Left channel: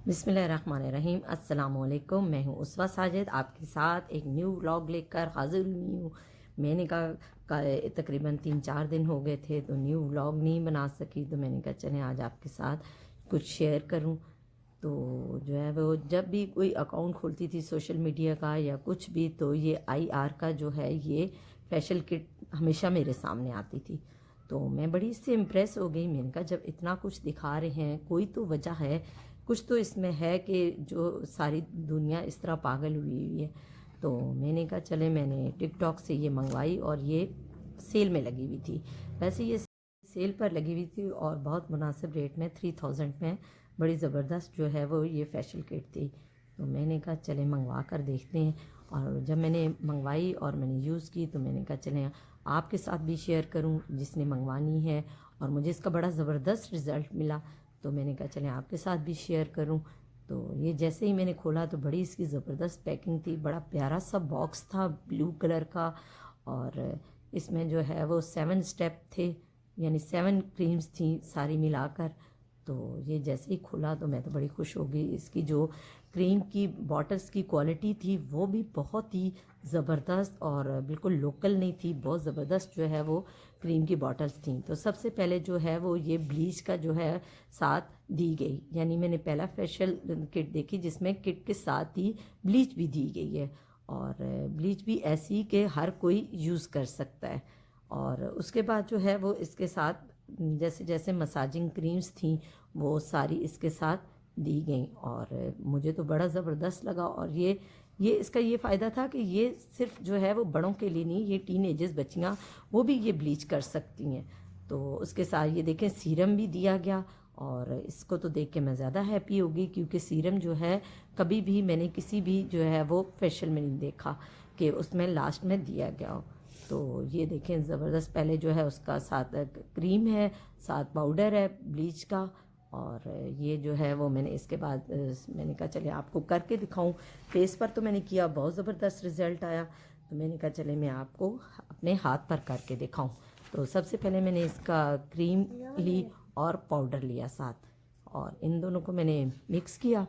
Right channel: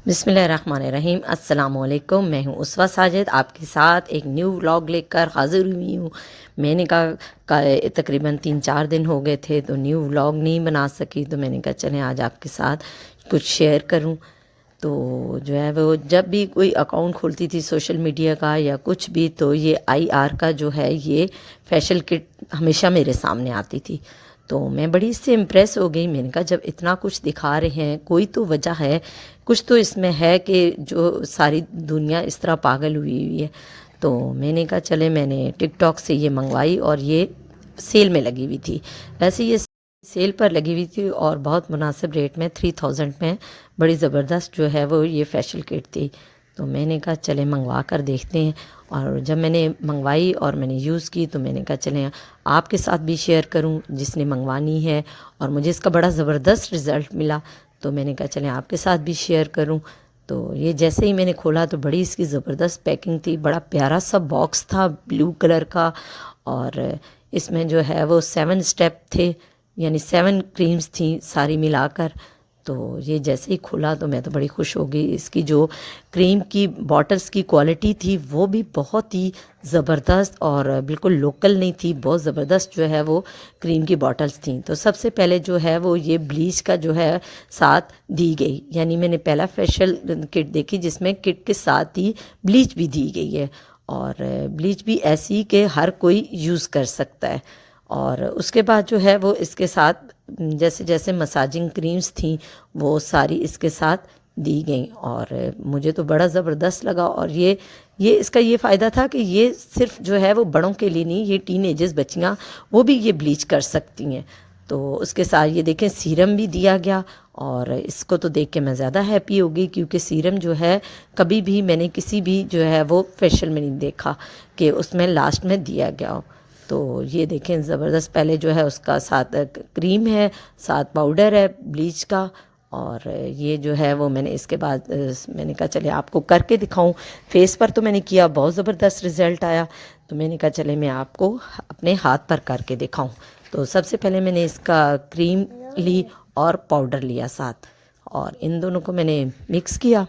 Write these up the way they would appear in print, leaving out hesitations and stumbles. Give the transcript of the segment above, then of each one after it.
बिस्मिल्लाहिर्रहमानिर्रहीम। अस्सलामुअलैकुम। मैं हूँ उसवा साजिद, आपके साथ एक न्यू व्लॉग लेकर हाज़िर हुई हूँ। मैंने कहा तकरीबन 3-4 दिन हो गए थे तो न्यू व्लॉग नहीं बना सकी, तो मैंने कहा चलें आज आपके साथ कुछ शेयर करूँ। तो जो है वो जब भी कोई अकाउंट खोलती थी सोशल मीडिया का या कुछ भी, तो ये आईआर का जो है ये फैशन किट हमेशा मेरे सामने आती थी। तो मैं बड़ी इससे इम्प्रेस हो गई। मैंने कहा जब इतना कुछ दिखा रहे हैं कोई तो वजह है, कुछ तो इसमें है कि जो सारी दुनिया इस तरह पागल हुई हुई है। तो मैंने कहा चले, मैंने टिकटॉक से ये मंगवाई और ये सेल में लगी हुई थी। वैसे ये सेल पर लगी हुई थी और बहुत मुनासिब रेट में 3000 में बड़ी ज़बरदस्त जो है वो ये फैशियल किट थी। तो मैंने कहा चले मंगवा कर देखते हैं। और जब मैंने मंगवाई और मैंने यूज़ की तो मैंने कहा चलें आपके साथ भी शेयर करूं जिसने मंगवानी है, और मुझे इसका बड़ा ज़बरदस्त रिज़ल्ट मिला। तो मैंने कहा चलें आपके साथ भी शेयर करूं। तो ये जैसे ही मैंने खोला तो बड़ी इसकी ज़बरदस्त पैकिंग थी, बड़ा प्यारा सा बॉक्स था ब्लू कलर का। और इसमें जो है वो 7 स्टेप थे, यानी 7 क्रीम्स थी सारी मिलाकर। तो ये जैसे ही खुला तो मैं तो बड़ी खुश हो गई। इसकी जो क्रीम की बॉटल्स की क्वालिटी थी वो भी बहुत ही ज़बरदस्त और बिल्कुल लोकल नहीं थी, बहुत ज़बरदस्त जो है वो क्रीम की बॉटल्स थी। तो सबसे पहले जो है वो ये ब्लीच का जो है साथ दी गई, यानी मैंने पहला फेशियल किट देखी जिसमें किट के साथ ही ब्लीच भी दी गई है। और ब्लीच भी ऐसी कि हर कोई यूज़ कर सकता है। और उसके बाद जो है वो इसके साथ जैसे जैसे मसाजिंग क्रीम्स थी वो सारी इसके साथ दी गई। और मुझे तो बड़ा ज़बरदस्त लगा। और ये इसका ये फ़ायदा था कि ये सिर्फ जो है वो बड़ों के लिए नहीं, ये टीनेजर्स बच्चियाँ वो भी ये ब्लीच कर सकती हैं। तो उसके साथ ये देखें सीरम भी दिया गया। और इसको तो देख के मैं ज़्यादा हैप्पी हो गई, क्योंकि सीरम जो है कभी भी मैंने किसी भी जो है वो फेशियल में नहीं देखा कि उसमें लास्ट में दिया गया हो। तो ये देखें ज़बरदस्त, पहले जो है उसका साथ क्रीम है, साथ पाउडर है ब्लीच का। और ये जो है वो मैंने इसके बाद मैंने कहा चले आपको करके दिखाऊं। फेस पर तो मैंने किया, बहुत ज़बरदस्त रिज़ल्ट आया। तो मैंने कहा चले मैं आपको अपने हाथ पर करके दिखाऊं। तो सबसे पहले मैंने इसका क्रीम ली और पाउडर लिया साथ, और इन दोनों को मैंने मिक्स किया।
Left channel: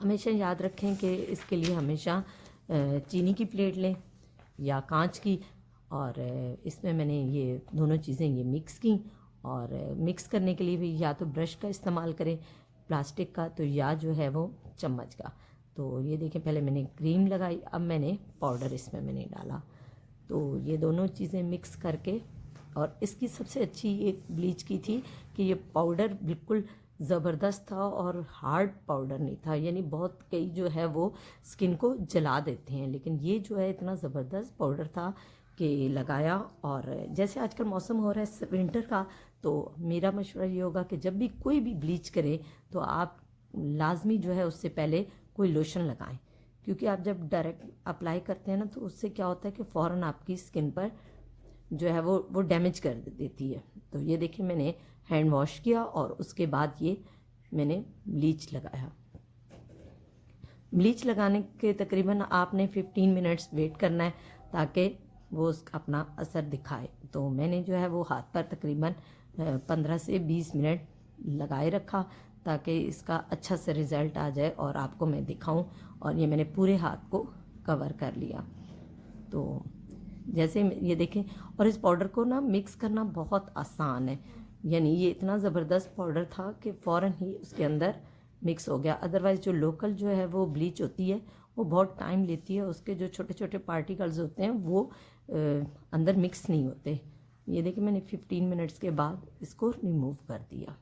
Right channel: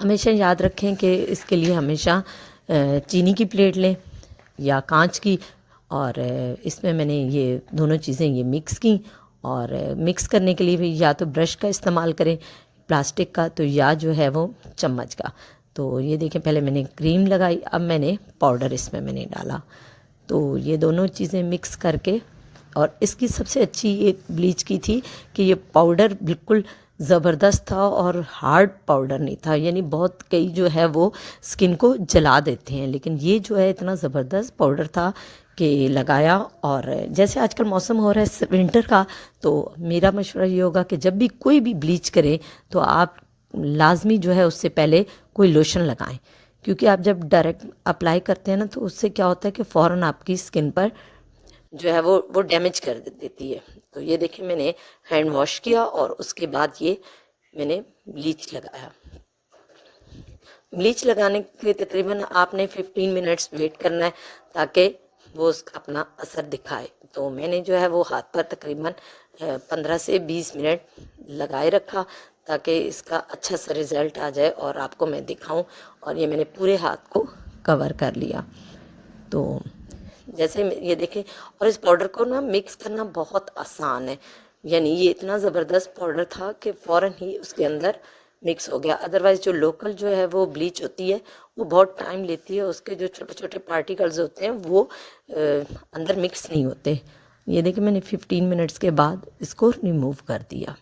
हमेशा याद रखें कि इसके लिए हमेशा चीनी की प्लेट लें या कांच की। और इसमें मैंने ये दोनों चीज़ें ये मिक्स की। और मिक्स करने के लिए भी या तो ब्रश का इस्तेमाल करें प्लास्टिक का, तो या जो है वो चम्मच का। तो ये देखें पहले मैंने क्रीम लगाई, अब मैंने पाउडर इसमें मैंने डाला। तो ये दोनों चीज़ें मिक्स करके, और इसकी सबसे अच्छी एक ब्लीच की थी कि ये पाउडर बिल्कुल ज़बरदस्त था और हार्ड पाउडर नहीं था। यानी बहुत कई जो है वो स्किन को जला देते हैं, लेकिन ये जो है इतना ज़बरदस्त पाउडर था कि लगाया। और जैसे आजकल मौसम हो रहा है विंटर का, तो मेरा मशवरा ये होगा कि जब भी कोई भी ब्लीच करें तो आप लाजमी जो है उससे पहले कोई लोशन लगाएं। क्योंकि आप जब डायरेक्ट अप्लाई करते हैं ना तो उससे क्या होता है कि फ़ौरन आपकी स्किन पर जो है वो डैमेज कर देती है। तो ये देखिए मैंने हैंड वॉश किया और उसके बाद ये मैंने ब्लीच लगाया। ब्लीच लगाने के तकरीबन आपने 15 मिनट्स वेट करना है ताकि वो उसका अपना असर दिखाए। तो मैंने जो है वो हाथ पर तकरीबन 15 से 20 मिनट लगाए रखा ताकि इसका अच्छा सा रिज़ल्ट आ जाए और आपको मैं दिखाऊं। और ये मैंने पूरे हाथ को कवर कर लिया। तो जैसे ये देखें, और इस पाउडर को ना मिक्स करना बहुत आसान है। यानी ये इतना ज़बरदस्त पाउडर था कि फ़ौरन ही उसके अंदर मिक्स हो गया। अदरवाइज़ जो लोकल जो है वो ब्लीच होती है वो बहुत टाइम लेती है, उसके जो छोटे छोटे पार्टिकल्स होते हैं वो अंदर मिक्स नहीं होते। ये देखिए मैंने 15 मिनट्स के बाद इसको रिमूव कर दिया।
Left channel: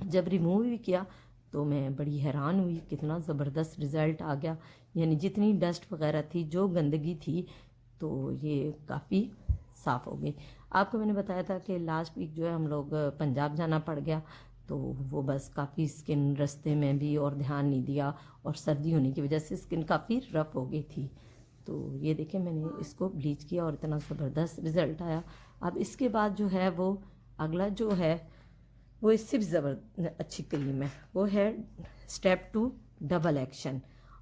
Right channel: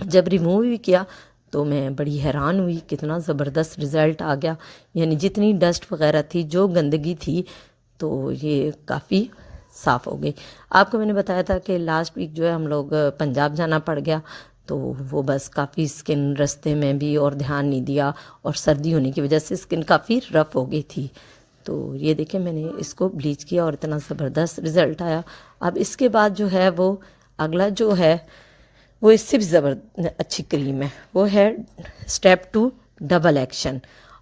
जब रिमूव भी किया तो मैं बड़ी हैरान हुई, कितना ज़बरदस्त रिज़ल्ट आ गया। यानी जितनी डस्ट वगैरह थी, जो गंदगी थी, तो ये काफ़ी साफ़ हो गई। आपको मैंने बताया था कि लास्ट वीक जो है हम लोग पंजाब जाना पड़ गया, तो वो बस काफ़ी स्किन रास्ते में भी और ध्यान नहीं दिया, और सर्दी होने की वजह से स्किन काफ़ी रफ़ हो गई थी। तो ये देखें मैंने इसको ब्लीच किया और इतना ज़बरदस्त रिज़ल्ट आया। अब इसके बाद जो है वो अगला जो है वो इससे भी अच्छी क्रीम है, वो है स्टेप 2 डबल एक्शन।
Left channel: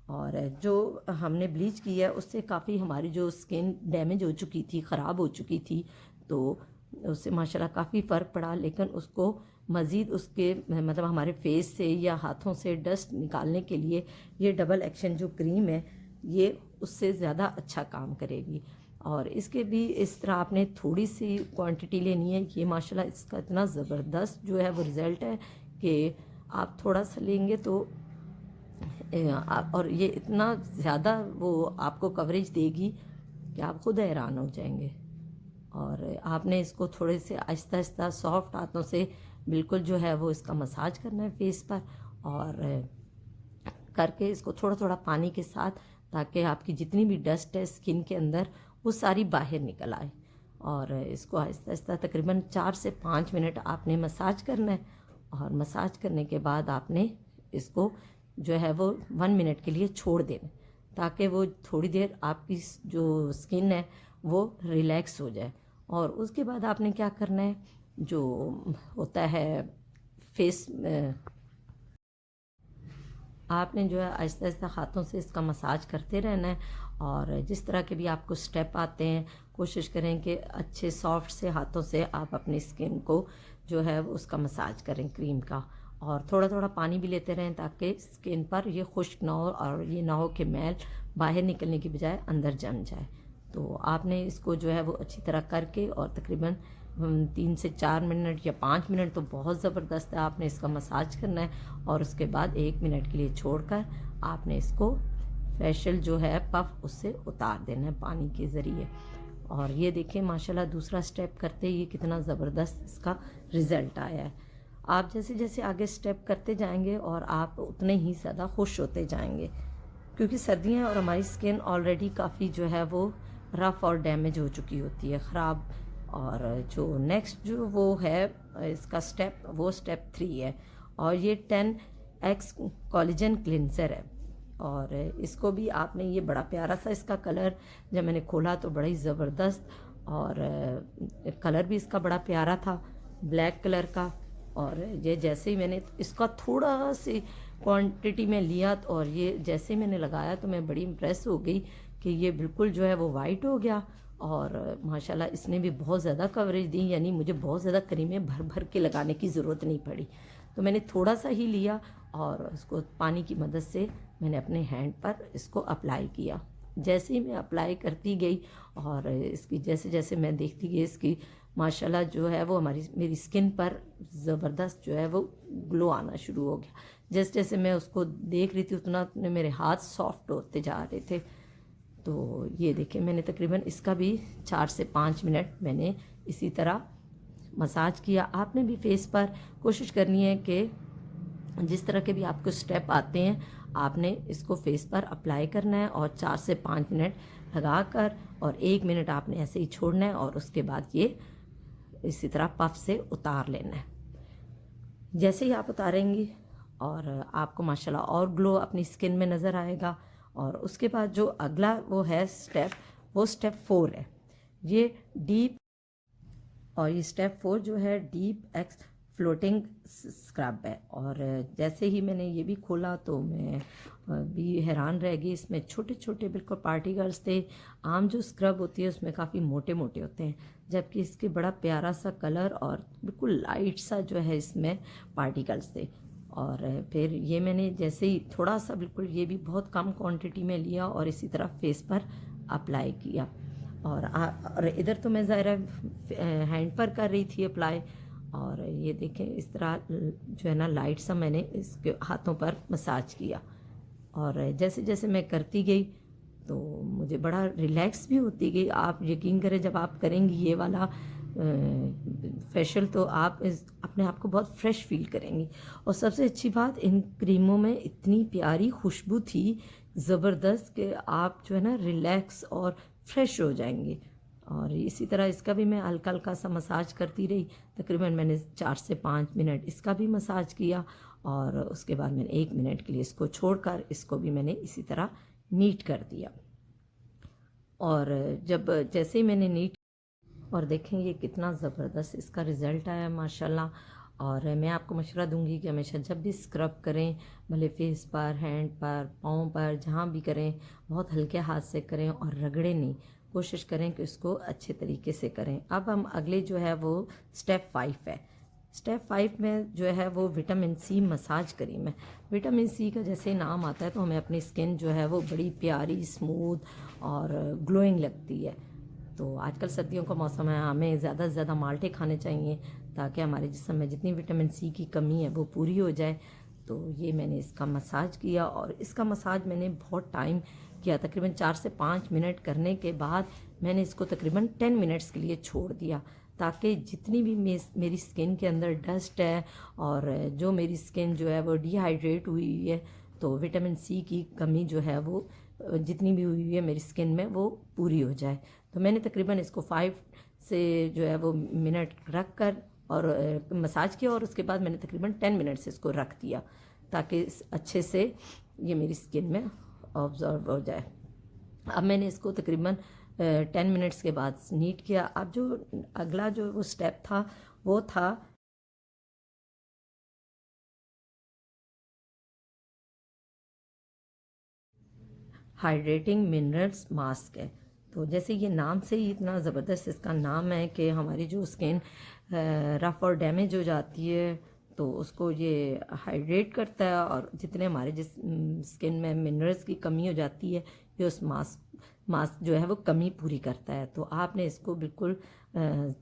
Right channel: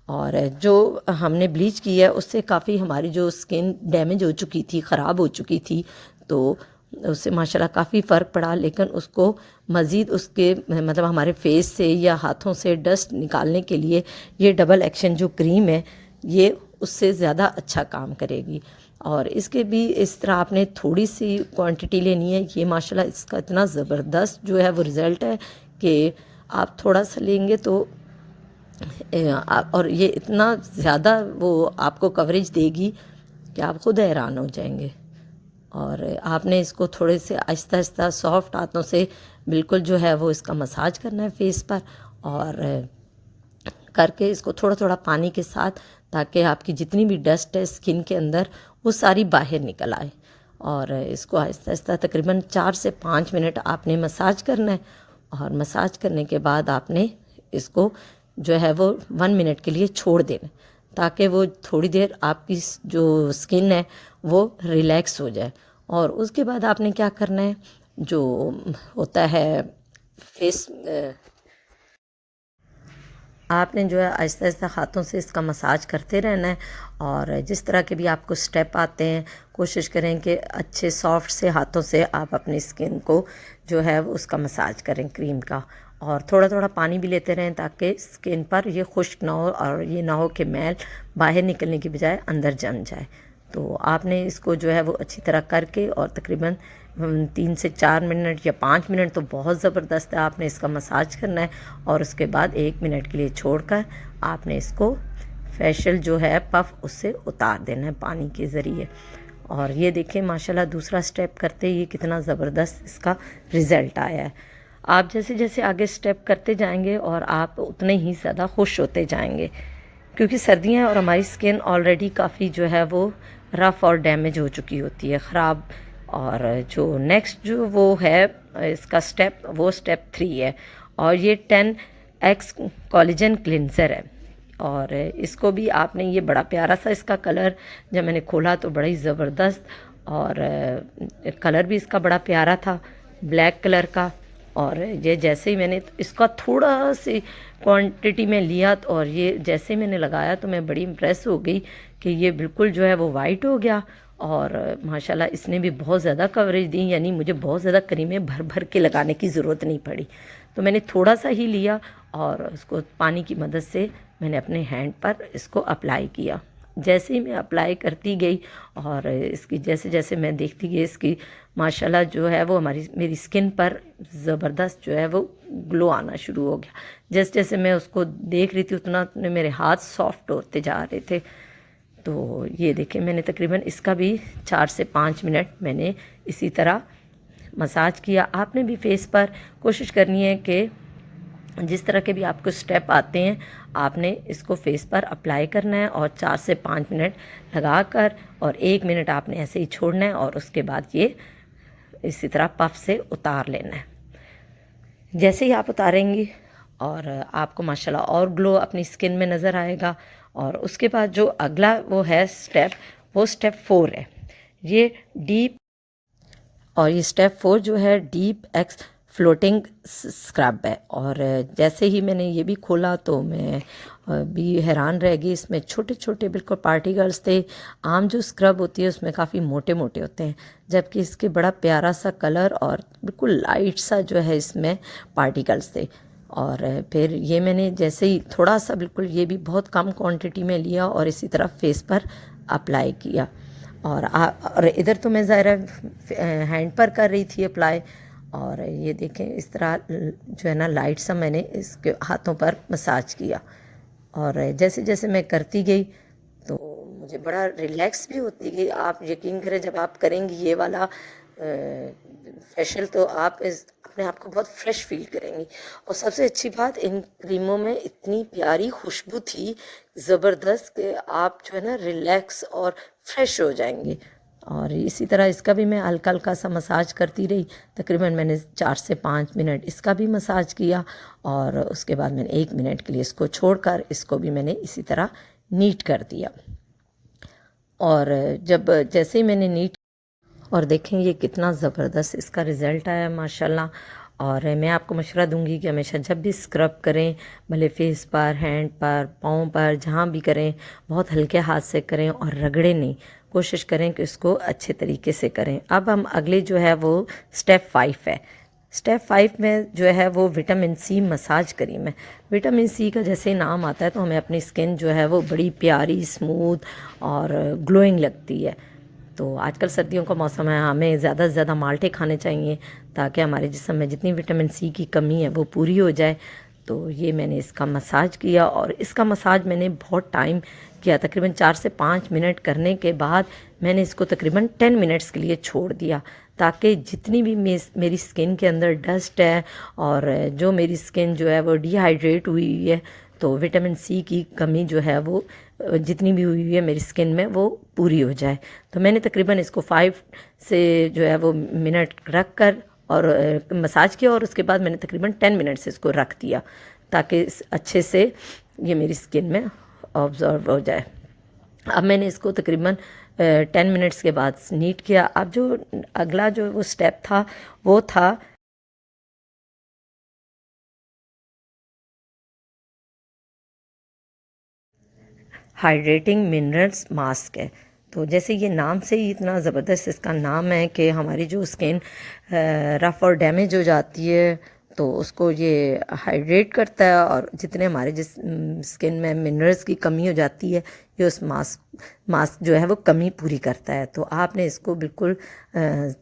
और जो हमने ब्लीच की है उससे काफ़ी हमारी जो स्किन डैमेज हो चुकी थी, ख़राब हो चुकी थी, तो उससे माशाल्लाह काफ़ी फ़र्क पड़ा, लेकिन उसको मज़ीद उसके मतलब हमारे फेस से या हाथों से डस्ट निकालने के लिए ये डबल एक्शन जो क्रीम है ये उससे ज़्यादा अच्छा काम करेगी। और इसके भी इस तरह आपने थोड़ी सी क्वांटिटी लेनी है। ये माशाल्लाह इसका इतना ज़बरदस्त जो है वो रिज़ल्ट है कि आप थोड़ा सा लेंगे तो और ये इतना ज़्यादा वो आपको कवरेज देगी कि आप खुद हैरान हो जाएंगे। और आपने इसको थोड़े से आहिस्ता आहिस्ता सॉफ्ट हाथों से बिल्कुल जो है वो इसका मसाज करना है फेस पर, और करके इसको थोड़ा थोड़ा पानी के साथ, ताकि आपकी जितनी भी डस्ट है स्किन के अंदर वो सारी बाहर निकल आए। और इसको आहिस्ता आहिस्ता तकरीबन 4 से 5 मिनट आपने मसाज करना है। और मसाज करने के बाद आपने इसको जो है वो 1 मिनट के लिए छोड़ देना, ताकि वो थोड़ी देर आपकी जो स्किन है वो रिलैक्स हो जाए। और उसके बाद आपने क्या करना है, जो होता है फेस, आपने जो है आहिस्ता आहिस्ता हाथों से इसका मसाज करते रहना है। और जिस तरह के भी आपको स्टेप आते हैं कोशिश करें कि अच्छे सॉफ्ट से हाथों से आप अपनी स्किन को जो है वो उसका मसाज करें क्रीम का। और थोड़ा थोड़ा पानी भी लेते रहें ताकि स्किन पर ये खुश्क ना हो और ये ना हो कि मैल बाहर निकलने की बजाय अंदर जम जाए। तो आपने इसको जो है वो अच्छी तरह करके और तकरीबन 3 से 4 मिनट या 5 मिनट तो बहुत ज़बरदस्त है, आपने इसका मसाज करना है। और उसके बाद 1 मिनट के लिए छोड़कर आपने इसको फेशियल जो है पफ उससे उतार देना है पानी के ज़रिए। और ये देखें माशाल्लाह दूसरा स्टेप करते ही कितना ज़बरदस्त इसका रिज़ल्ट आया है। आप जैसे जैसे आगे स्टेप करते जाएंगे और आप उतने ही ज़्यादा खुश होते जाएंगे, क्योंकि सर्दियाँ और हमारी स्किन ऑलरेडी काफ़ी जो है वो रफ़ और डैमेज हो चुकी होती है, ख़राब। और जो नेक्स्ट जो वो है इसका स्टेप, वो स्टेप 3 है। और ये 10x कोलेजन क्लिनज़र है। और इसको भी आपने, ये बड़ा प्यारा सा इसका कलर, जब मैंने खोला तो बड़ा ही ज़बरदस्त, और कलर भी इसका बड़ा प्यारा था, ब्लैक कलर का। और ये जैसे ही मैंने इसका थोड़ा सी क्वांटिटी में लिया और ये जैसे ही मैंने लगाया तो मैं बड़ी इम्प्रेस हो गई कि ये बिल्कुल जो है वो वाइट हो गया। और माशाल्लाह इसने भी बहुत ज़्यादा कवरेज दी, यानी मुझे बहुत ज़्यादा क्रीमें भर भर के लगाने की ज़रूरत नहीं पड़ी। तो मैंने थोड़ा सा ही लिया और उसको पानी की मदद से मैंने अपने हैंड पर इसको अप्लाई किया। जैसे ही मैं अप्लाई करती गई और इसकी जैसे जैसे मैं देखती गई, इसकी माशाल्लाह जो है वो मेरी स्किन पर ज़बरदस्त जो है वो ग्लो आना शुरू हो गया। जैसे जैसे मैं उसको देख रही थी उतना मेरे हाथ सॉफ्ट होते जा रहे थे। तो ये देखें मैंने तकरीबन इसका भी 4 से 5 मिनट मैंने इसी तरह मसाज किया। आपने भी फेस पर कोशिश करनी है कि जिस तरह के भी आपको स्टेप आते हैं आपने इसको फेस पर अप्लाई करना है और 4 से 5 मिनट लगाकर और 1 मिनट आपने ऐसे ही छोड़ना है। और उसके बाद ये इसी तरह पफ से उतार लेना है। जैसे ही आप उतारेंगी और आपको माशाल्लाह और ग्लो अपनी स्किन में नज़र आएगा। और उसके बाद जो अगला वो है स्टेप, वो स्टेप 4 है। ये डीप, और ये स्टेप 4 जो है डीप एक्स फ्लोटिंग स्क्रब है। और जैसे ही मैंने ये भी खोला तो मैं भी हैरान रह गई। इसमें छोटे छोटे बिल्कुल पार्टिकल्स थे। आम जो स्क्रब होती है उसमें काफ़ी मोटे मोटे होते हैं, जबकि इसके बड़ा प्यारा सा कलर और बिल्कुल लाइट सा जो है इसमें पार्टिकल्स थे। और फिर ये मैंने जैसे ही थोड़ा सा, बिल्कुल ये भी बहुत कम क्वांटिटी में लिया और इसी तरह फेस पर अप्लाई किया। और इधर तो मैं ज़ाहिर हैंड पर कर रही थी अप्लाई। और ये देखें इस तरह जो है ना लाइट सा मैंने इसके हाथों पर मसाज किया। और जैसे जैसे मैं करती गई तो मुझे बड़ा रिलैक्स भी होती गई। आप यकीन करें जब आप करेंगी ये वाला फेशियल तो आप अपने आप को बहुत फ्रेश फील करेंगी। और सबसे अच्छी बात, इन क्रीमों में इतनी प्यारी खुशबू थी ज़बरदस्त कि आप जो है ना रिलैक्स और फ्रेश हो जाएंगे। और इसी तरह इसका भी मैं हल्का हल्का सा मसाज करती रही। तकरीबन मैंने 4 से 5 मिनट इसका भी मसाज किया। और उसके बाद मैंने 1 मिनट के लिए इसको छोड़कर इसको भी मैंने इसी तरह नीट कर दिया। और जब जैसे ही मैंने नीट, और देखें ये कितना ज़बरदस्त इसका रिज़ल्ट आया माशाल्लाह। और मैं आपको मशवरा दूंगी कि हमेशा जब भी स्क्रब करें, भले फेस पर, हैंड पर, पाँव पर, जहाँ भी करें बहुत हल्के हाथ से करें और रगड़े नहीं। कोशिश करें कि उसको अच्छे तरीके से करें। अब हम अगले जो है वो स्टेप 5 है। स्टेप 5 में जो है वो विटामिन सी मसाज क्रीम है। विटामिन सी का जैसे नाम आता है तो हमें अपनी स्किन जो है वो बड़ी प्यारी, स्मूथ और ग्लोइंग लगती है। तो आजकल सर्दियों का मौसम है, हमें ज़्यादा से ज़्यादा माल्टे खाने चाहिए ताकि हमारे जिस्म में जितनी विटामिन सी की कमी है वो पूरी हो जाए। तो ये मैंने इसका मसाज किया और इसका मसाज मैंने बहुत टाइम किया, तकरीबन 4 से 5 मिनट करने के बाद मैंने इसको तकरीबन 10 मिनट्स के लिए छोड़ दिया ताकि जितनी भी मेरी स्किन के अंदर डस्ट है और जो मेरी स्किन जो है वो डिहाइड्रेट हुई है, तो विटामिन सी की कमी जो है वो जितनी भी हुई है मेरी स्किन में वो पूरी हो जाए। तो मैंने तकरीबन इसको 5 से जो है वो मिनट रख कर और मसाज किया और उसके बाद मैंने तकरीबन 10 मिनट से इसको रख दिया ताकि अच्छे से ये मेरी स्किन में ऑब्जर्व हो जाए। अब मैंने इसको तकरीबन 10 मिनट्स के बाद नीट किया। अब जो अगला जो वो स्टेप था वो था हाइड्रेटिंग मिनरल्स मास्क है। तो जैसे ये नाम से ही इतना ज़बरदस्त इसका नाम है कि हमारी जो स्किन रफ़ और डैमेज हो जाती है तो उसको ये हाइड्रेट करता है और जितने हमारे जिस स्किन में मिनरल्स की कमी हो जाती है ये उस मास्क जो है वो कमी पूरी करता है। तो आपने इसको बिल्कुल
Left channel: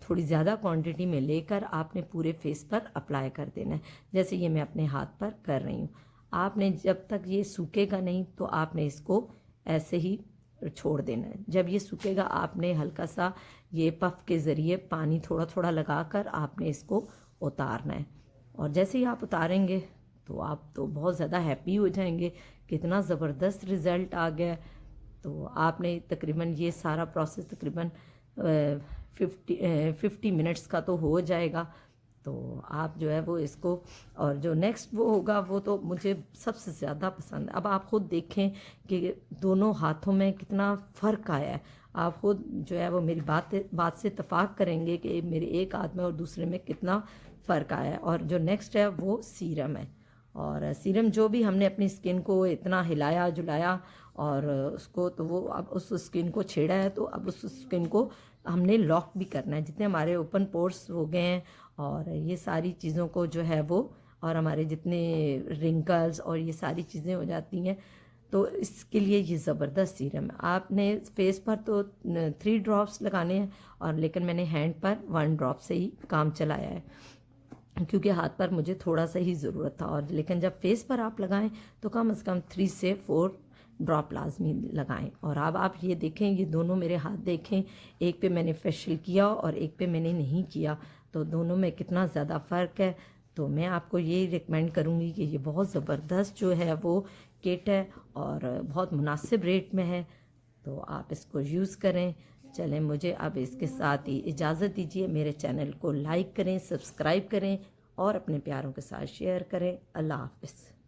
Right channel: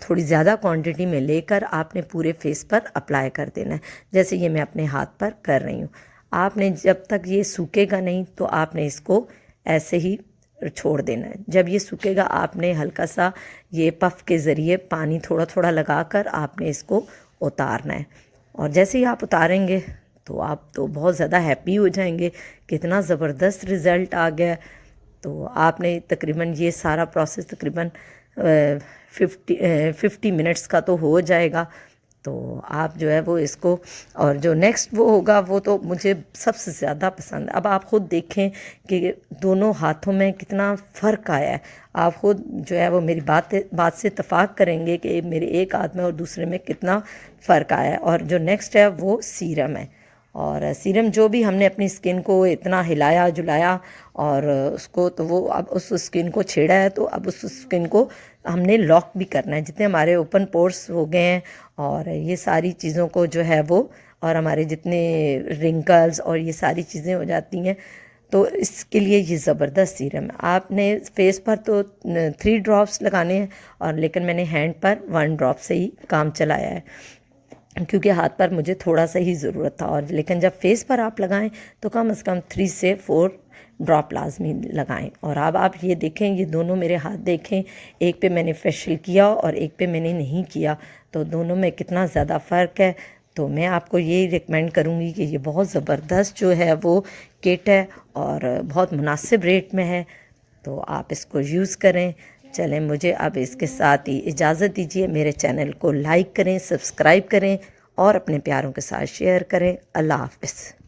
थोड़ी ज़्यादा क्वांटिटी में लेकर आपने पूरे फेस पर अप्लाई कर देना है, जैसे ये मैं अपने हाथ पर कर रही हूँ। आपने जब तक ये सूखेगा नहीं तो आपने इसको ऐसे ही छोड़ देना है। जब ये सूखेगा आपने हल्का सा ये पफ के ज़रिए पानी थोड़ा थोड़ा लगाकर आपने इसको उतारना है और जैसे ही आप उतारेंगे तो आप तो बहुत ज़्यादा हैप्पी हो जाएंगे, कितना ज़बरदस्त रिज़ल्ट आ गया। तो आपने तकरीबन ये सारा प्रोसेस तकरीबन 50 मिनट्स का तो हो जाएगा। तो आप जो है वो इसको और जो नेक्स्ट वो होगा वो तो मुझे सबसे ज़्यादा पसंद है। अब आप ख़ुद देखें कि दोनों हाथों में कितना फ़र्क आया है। आप ख़ुद जो है वो मेरी बात से इत्तेफाक करेंगे कि मेरे एक हाथ में और दूसरे में कितना फ़र्क आया है। और जो नेक्स्ट है वो सीरम है और सीरम जो भी हमने अपनी स्किन को इतना हिलाया जुलाया और उसको तो वो अब उस स्किन को छेड़ा है तो अब उस स्किन को हमने लॉक भी करना है। जितने हमारे ओपन पोर्स हो गए हैं और ये सारी चीज़ों को जो है वो और हमारे जितने रिंकल्स और ये सारी चीज़ें हो जाती हैं तो इसके लिए ये ज़बरदस्त सीरम है। आपने फेस पर तो 3 ड्रॉप्स लगाने हैं और लेकिन मैंने हैंड पर 1 ड्रॉप से ही काम चलाया है क्योंकि हाथ पर मुझे थोड़ा सा ही ज़रूरत था। और लेकिन जब फेस पर आप लगाएं तो कम से कम 3 से 4 ड्रॉप लाजमी लगाएं। और अब आप ये देखें, ये दोनों मेरे हाथ देखें, एक पे मैंने फेशियल किया और एक पे मैंने नहीं किया, तो दोनों में कितना ज़्यादा फ़र्क है। तो मैं आपको यही रिकमेंड करूँगी कि ये बहुत ज़बरदस्त जो है वो किट है और बहुत मुनासिब रेट में है, तो आप इसको यूज़ करें। चलें, मुझे अब इसके साथ ही इजाज़त दीजिए। मेरे चैनल को लाइक करें, सब्सक्राइब करें और अपने प्यारों के साथ शेयर करें। अल्लाह हाफ़िज़।